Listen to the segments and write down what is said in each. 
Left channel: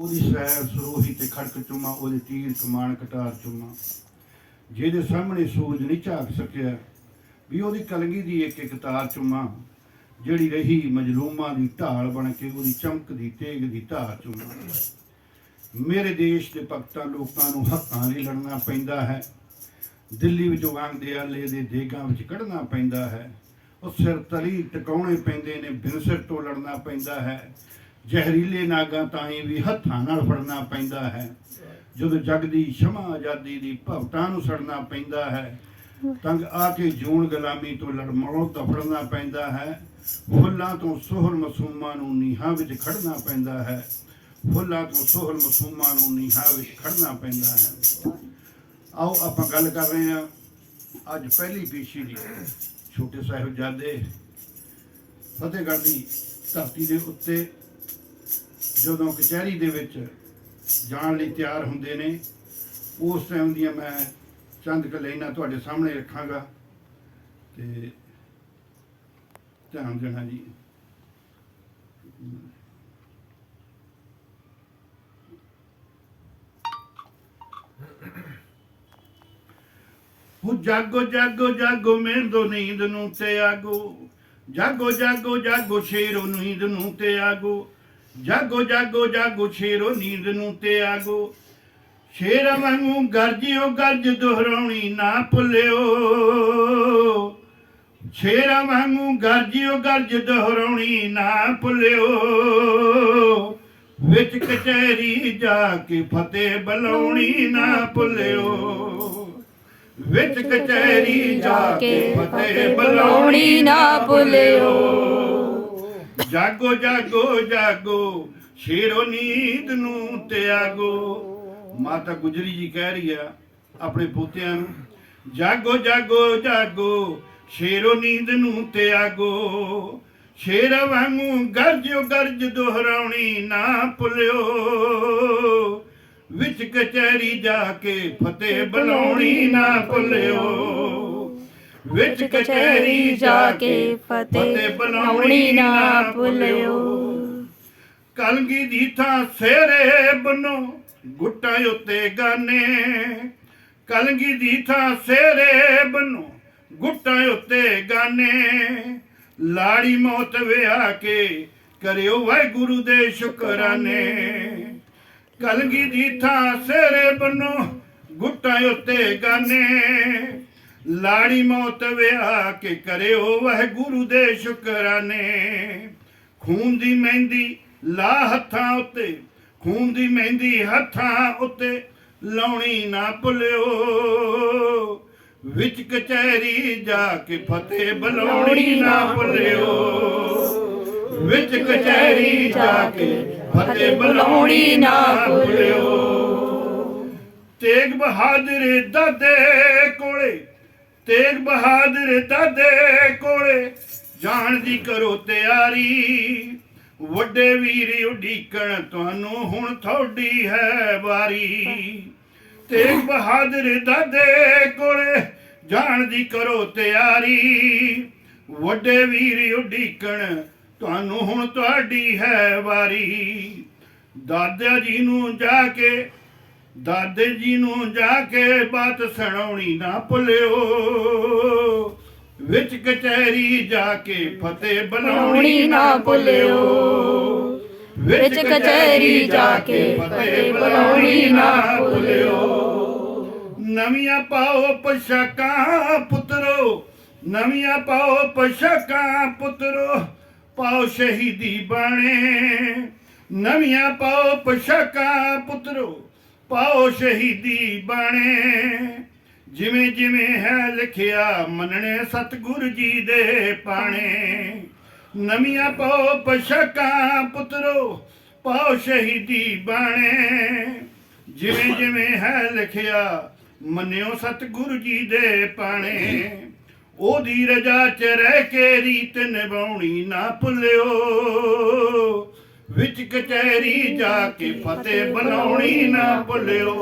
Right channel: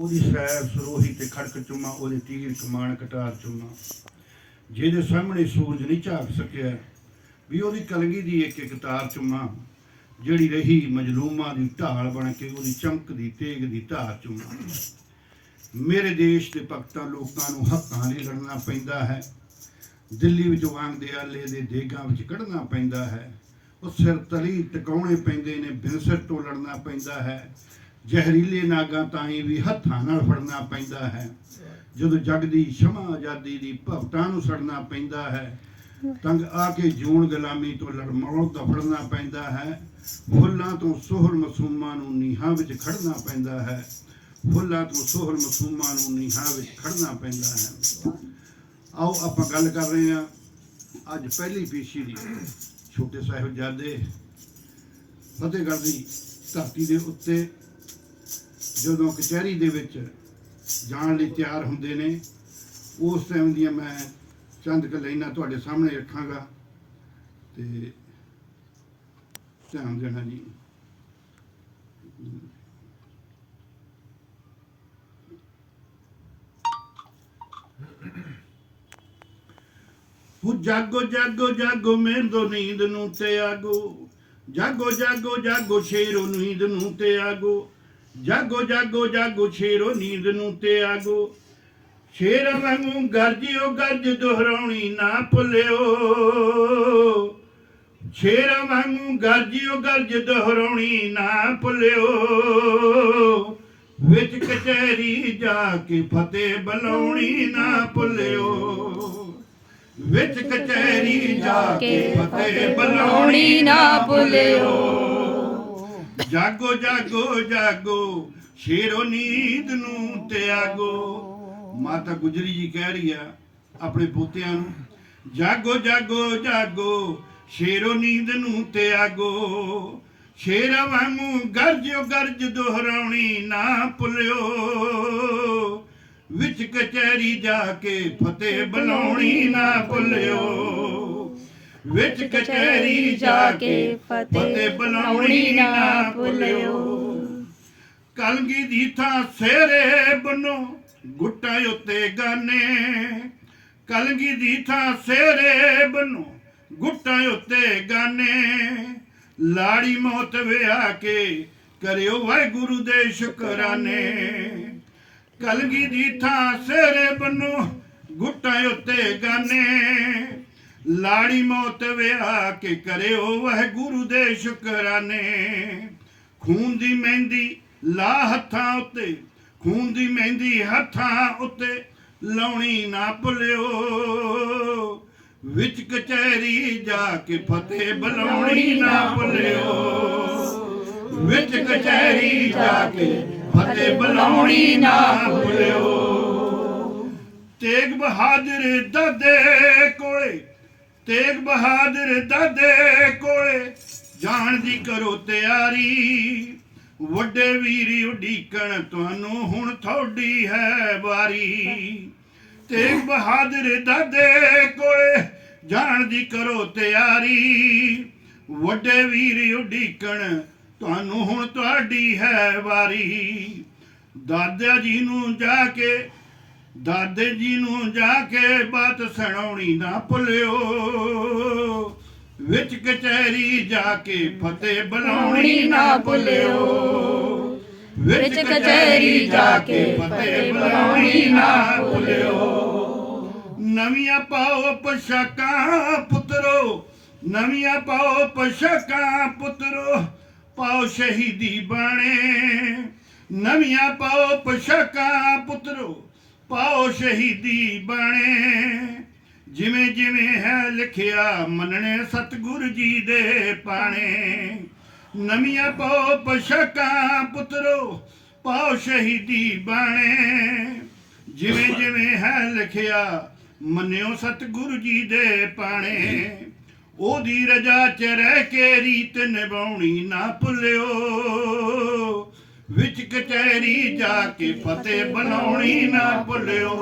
ਉਹਦੀ ਸੈਰ ਸਰੋਹੀ ਤੇ ਖੜਕ ਚੁੰਮਾ, ਉਹਦੇ ਤੀਰ ਕਮਾਨ ਕਟਾਰ ਚੁੰਮਾ। ਜਿਹਦੇ ਸਾਹਮਣੇ ਸੂਰਜ ਨਹੀਂ ਝਾਕ ਸਕਿਆ, ਵੀ ਉਹਦੀ ਕਲਗੀ ਦੀ ਇੱਕ ਇੱਕ ਤਾਰ ਚੁੰਮਾ, ਜਿਹੜੀ ਰਹੀ ਮਜਲੂਮਾਂ ਦੀ ਢਾਲ ਬਣ ਕੇ ਉਹਦੀ ਚਮਕਦੀ ਤੇਗ ਦੀ ਧਾਰ ਚੁੰਮਾ। ਮੇਰੇ ਦੇਸ਼ ਦੇ ਭਗਤਾਂ ਲੋਕਾਂ ਨੂੰ ਹੱਕਾਂ ਲਈ ਲੜਨਾ ਪੈਂਦਾ ਹੈ। ਦਿੱਲੀ ਵਿੱਚੋਂ ਆਂਦੇ ਆਲੇ ਦੇ ਦੇਗਾਂ ਵਿੱਚ ਕੱਢਣਾ ਪੈਂਦਾ ਹੈ। ਉਹ ਸਿਰ ਤਲੀ ਟਿਕਾਉਣੇ ਪੈਂਦੇ ਨੇ ਬਿਨਸਰ ਤੋਂ ਲੜਨਾ ਪੈਂਦਾ ਹੈ। ਜ਼ਹਿਰੀਲੇ ਨਾਗਾਂ ਤਾਈਂ ਵੀ ਹੱਥਾਂ ਨਾਲ ਫੜਨਾ ਪੈਂਦਾ ਹੈ। ਜਦੋਂ ਜਗ ਦੀ ਸ਼ਮਾ ਆਜ਼ਾਦੀ ਦੀ ਭਗਤਾਂ ਨੂੰ ਸੜਨਾ ਪੈਂਦਾ ਹੈ ਤੰਗ ਆ ਕੇ ਜੂਨ ਗੁਲਾਮੀ ਤੋਂ ਲੜਮੜੋਂ ਦਫੜਨਾ ਪੈਂਦਾ ਹੈ। ਫੁੱਲਾਂ ਤੋਂ ਸੋਹਰ ਮਸੂਮਾਂ ਨੂੰ ਨੀਹਾਂ ਵਿੱਚ ਖੜਨਾ ਪੈਂਦਾ ਹੈ। ਫੁੱਲਾਂ ਤੋਂ ਸੋਹਰ ਮਸੂਮਾਂ ਨੂੰ ਨੀਹਾਂ ਵਿੱਚ ਖੜਨਾ ਪੈਂਦਾ ਹੈ। ਆਓ ਆਪਾਂ ਗੱਲ ਕਰ ਰਹੇ ਹਾਂ ਅੱਜ ਪਹਿਲੀ ਪੀਸ਼ੀ ਦੀ। ਛੋਟੇ ਸਾਹਿਬਜ਼ਾਦੇ ਫਤਿਹਗੜ੍ਹ ਦੀ ਧਰਤੀ ਦੇ ਉੱਤੇ ਜਦੋਂ ਕਚਹਿਰੀ ਦੇ ਵਿੱਚ ਜਾਣ ਲਈ ਤਿਆਰ ਹੁੰਦੇ ਨੇ, ਉਸ ਟਾਈਮ ਦੀਆਂ ਮੈਂ ਚੰਦ ਕੁ ਲਾਈਨਾਂ ਤੁਹਾਡੇ ਸਾਹਮਣੇ ਰੱਖਾਂਗਾ ਤੇ ਧਿਆਨ ਦੇਣਾ ਜੀ। ਉਹ ਜਾਗੋ ਜਾਗੋ ਜਾਗੋ ਮੇਂਦੋ ਨੀਂਦ ਨੂੰ ਤੇ ਆਗੋ। ਜਾਗੋ ਜਾਗੋ ਜਾਗੋ ਸ਼ੇਰੋ ਨੀਂਦ ਨੂੰ ਤੇ ਆਗੋ। ਜਾਗੋ ਜਾਗੋ ਜਾਗੋ, ਸ਼ੇਰੋ ਨੀਂਦ ਨੂੰ ਤੇ ਆਗੋ ਸ਼ੇਰ ਵਾਂਗੂ ਗਰਜਿਓ, ਗਰਜ ਦੁਹਰਾਉਣੀ ਨਾ ਭੁੱਲਿਓ। ਸ਼ੇਰ ਵਾਂਗੂ ਗਰਜਿਓ, ਗਰਜ ਦੁਹਰਾਉਣੀ ਨਾ ਭੁੱਲਿਓ। ਵਿੱਚ ਕਚਹਿਰੀ ਜਾ ਕੇ ਫਤਿਹ ਬੁਲਾਉਣੀ ਨਾ ਭੁੱਲਿਓ। ਵਿੱਚ ਕਚਹਿਰੀ ਜਾ ਕੇ ਫਤਿਹ ਬੁਲਾਉਣੀ ਨਾ ਭੁੱਲਿਓ। ਜਾਗੋ ਜਾਗੋ ਜਾਗੋ ਸ਼ੇਰੋ ਨੀਂਦ ਨੂੰ ਤਿਆਗੋ। ਮਾਤਾ ਗੁਜਰੀ ਜੀ ਕਹਿ ਰਹੀ ਆ ਆਪਣੇ ਪੋਤਿਆਂ ਨੂੰ, ਜਾਗੋ ਜਾਗੋ ਜਾਗੋ ਸ਼ੇਰੋ ਨੀਂਦ ਨੂੰ ਤਿਆਗੋ। ਸ਼ੇਰ ਵਾਂਗੂ ਗਰਜੋ ਗਰਜ ਦੁਹਰਾਉਣੀ ਨਾ ਭੁੱਲਿਓ। ਵਿੱਚ ਕਚਹਿਰੀ ਜਾ ਕੇ ਫਤਿਹ ਬੁਲਾਉਣੀ ਨਾ ਭੁੱਲਿਓ। ਵਿੱਚ ਕਚਹਿਰੀ ਜਾ ਕੇ ਫਤਿਹ ਬੁਲਾਉਣੀ ਨਾ ਭੁੱਲਿਓ। ਕਲਗੀ ਦੀ ਥਾਂ ਸੇਰੇ ਬਨੋ ਗੁੱਟਾਂ ਉੱਤੇ ਗਾਨੇ। ਕਲਗੀ ਦੀ ਥਾਂ ਸੇਰੇ ਬਨੋ ਗੁੱਟਾਂ ਉੱਤੇ ਗਾਨੇ। ਲਾੜੀ ਮੌਤ ਵਿਆਹ ਕੇ ਕਰਿਓ ਵਾਹਿਗੁਰੂ ਦੇ ਸ਼ੁਕਰਾਨੇ। ਕਲਗੀ ਦੀ ਥਾਂ ਸੇਰੇ ਬਨੋ ਗੁੱਟਾਂ ਉੱਤੇ ਗਾਨੇ। ਲਾੜੀ ਮੌਤ ਵਿਆਹ ਕੇ ਕਰਿਓ ਵਾਹਿਗੁਰੂ ਦੇ ਸ਼ੁਕਰਾਨੇ। ਖੂਨ ਦੀ ਮਹਿੰਦੀ ਲਾ ਹੱਥਾਂ ਉੱਤੇ, ਖੂਨ ਦੀ ਮਹਿੰਦੀ ਹੱਥਾਂ ਉੱਤੇ, ਲਾਉਣੀ ਨਾ ਭੁੱਲਿਓ। ਵਿੱਚ ਕਚਹਿਰੀ ਜਾ ਕੇ ਫਤਿਹ ਬੁਲਾਉਣੀ ਨਾ ਭੁੱਲਿਓ। ਵਿੱਚ ਕਚਹਿਰੀ ਜਾ ਕੇ ਫਤਿਹ ਬੁਲਾਉਣੀ ਨਾ ਭੁੱਲਿਓ। ਤੇਗ ਬਹਾਦਰ ਦਾਦੇ ਕੋਲੇ ਤੇਗ ਬਹਾਦਰ ਦਾਦੇ ਕੋਲੇ ਜਾਣ ਦੀ ਕਰੋ ਤਿਆਰੀ। ਵੱਡੇ ਵੀਰ ਉਡੀਕਣ ਤੁਹਾਨੂੰ ਹੁਣ ਥੋੜੀ ਹੈ ਵਾਰੀ। ਤੇਗ ਬਹਾਦਰ ਦਾਦੇ ਕੋਲੇ ਜਾਣ ਦੀ ਕਰੋ ਤਿਆਰੀ। ਵੱਡੇ ਵੀਰ ਉਡੀਕਣ ਤੁਹਾਨੂੰ ਹੁਣ ਤੁਹਾਡੀ ਹੈ ਵਾਰੀ। ਦਾਦਾ ਜੀ ਨੂੰ ਜਾ ਕੇ ਦਾਦੇ ਜੀ ਨੂੰ ਜਾ ਕੇ ਬਾਤ ਸੁਣਾਉਣੀ ਨਾ ਭੁੱਲਿਓ। ਵਿੱਚ ਕਚਹਿਰੀ ਜਾ ਕੇ ਫਤਿਹ ਬੁਲਾਉਣੀ ਨਾ ਭੁੱਲਿਓ। ਵਿੱਚ ਕਚਹਿਰੀ ਜਾ ਕੇ ਫਤਿਹ ਬੁਲਾਉਣੀ ਨਾ ਭੁੱਲਿਓ। ਨਵੀਆਂ ਪਾਓ ਪੋਸ਼ਾਕਾਂ ਪੁੱਤਰੋ, ਨਵੀਆਂ ਪਾਓ ਪੋਸ਼ਾਕਾਂ ਪੁੱਤਰੋ, ਪਾਓ ਸ਼ਹੀਦੀ ਬਾਣੇ। ਨਵੀਆਂ ਪਾਓ ਪੋਸ਼ਾਕਾਂ ਪੁੱਤਰੋ ਪਾਓ ਸ਼ਹੀਦੀ ਬਾਣੇ। ਜਿਵੇਂ ਜਿਵੇਂ ਹੈ ਲਿਖਿਆ ਮੰਨਣੇ ਸਤਿਗੁਰੂ ਜੀ ਦੇ ਪਾਣੇ। ਨਵੀਆਂ ਪਾਓ ਪੋਸ਼ਾਕਾਂ ਪੁੱਤਰੋ ਪਾਓ ਸ਼ਹੀਦੀ ਬਾਣੇ। ਜਿਵੇਂ ਜਿਵੇਂ ਹੈ ਲਿਖਿਆ ਮੰਨਿਓ ਸਤਿਗੁਰੂ ਜੀ ਦੇ ਪਾਣੇ। ਉਹਦੀ ਰਜਾ ਚ ਰਹਿ ਕੇ ਰੀਤ ਨਿਭਾਉਣੀ ਨਾ ਭੁੱਲਿਓ। ਕਚਹਿਰੀ ਜਾ ਕੇ ਫਤਿਹ ਬਣਾਉਣੀ ਨਾ ਭੁੱਲਿਓ।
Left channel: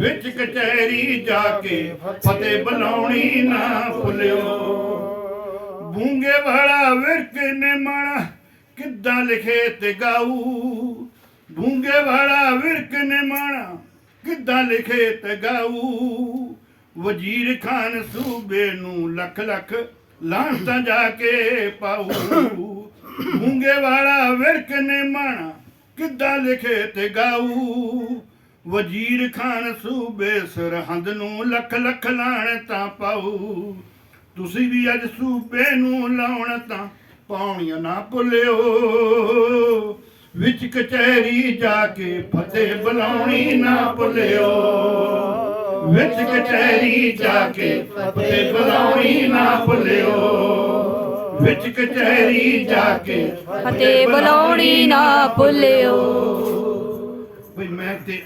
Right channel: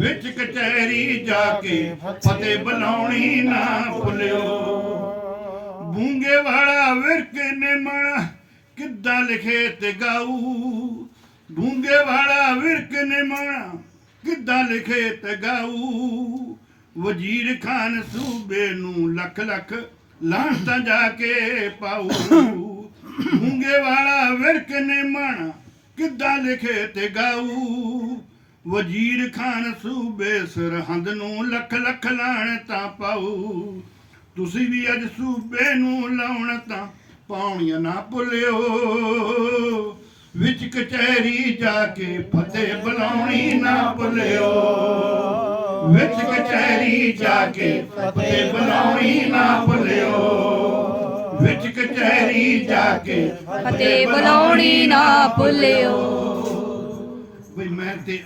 ਵਿੱਚ ਕਚਹਿਰੀ ਜਾ ਕੇ ਫਤਿਹ ਬਣਾਉਣੀ ਨਾ ਭੁੱਲਿਓ। ਬੂੰਗੇ ਵਾਲਾ ਵਿਰਕ ਨੇ ਮਣਾ ਕਿੱਦਾਂ ਲਿਖੇ ਤੇ ਗਾਊ? ਗੂੰਗੇ ਵਾਲਾ ਵਿਰਕ ਨੇ ਮਾਣਾ ਕਿੱਦਾਂ ਲਿਖੇ ਤੇ ਗਾਊ? ਵਜ਼ੀਰ ਖਾਨ ਸੂਬੇ ਨੂੰ ਲੱਖ ਲੱਖ ਲਾਹਣਤਾਂ ਜਾ ਕੇ ਪਾਉ ਗੂੰਗੇ ਵਾਲਾ ਵਿਰਕ ਨੇ ਮਾਣਾ, ਕਿੱਦਾਂ ਲਿਖੇ ਤੇ ਗਾਊ? ਵਜ਼ੀਰ ਖਾਨ ਸੂਬੇ ਸਰਹੰਦ ਨੂੰ ਲੱਖ ਲੱਖ ਲਾਹਣਤਾਂ ਪਾਉ ਤੁਸੀਂ ਵੀ ਅੱਜ ਸੂਬੇ ਨੂੰ ਲਾਉਣ ਤਾਂ ਪਾਉਣੀਆਂ ਨਾ ਭੁੱਲਿਓ। ਵਿੱਚ ਕਚਹਿਰੀ ਜਾ ਕੇ ਫਤਿਹ ਬੁਲਾਉਣੀ ਨਾ ਭੁੱਲਿਓ। ਵਿੱਚ ਕਚਹਿਰੀ ਜਾ ਕੇ ਫਤਿਹ ਬੁਲਾਉਣੀ ਨਾ ਭੁੱਲਿਓ। ਵਿੱਚ ਕਚਹਿਰੀ ਜਾ ਕੇ ਫਤਿਹ ਬੁਲਾਉਣੀ ਨਾ ਭੁੱਲਿਓ। ਵੀ ਮੈਂ ਤੇ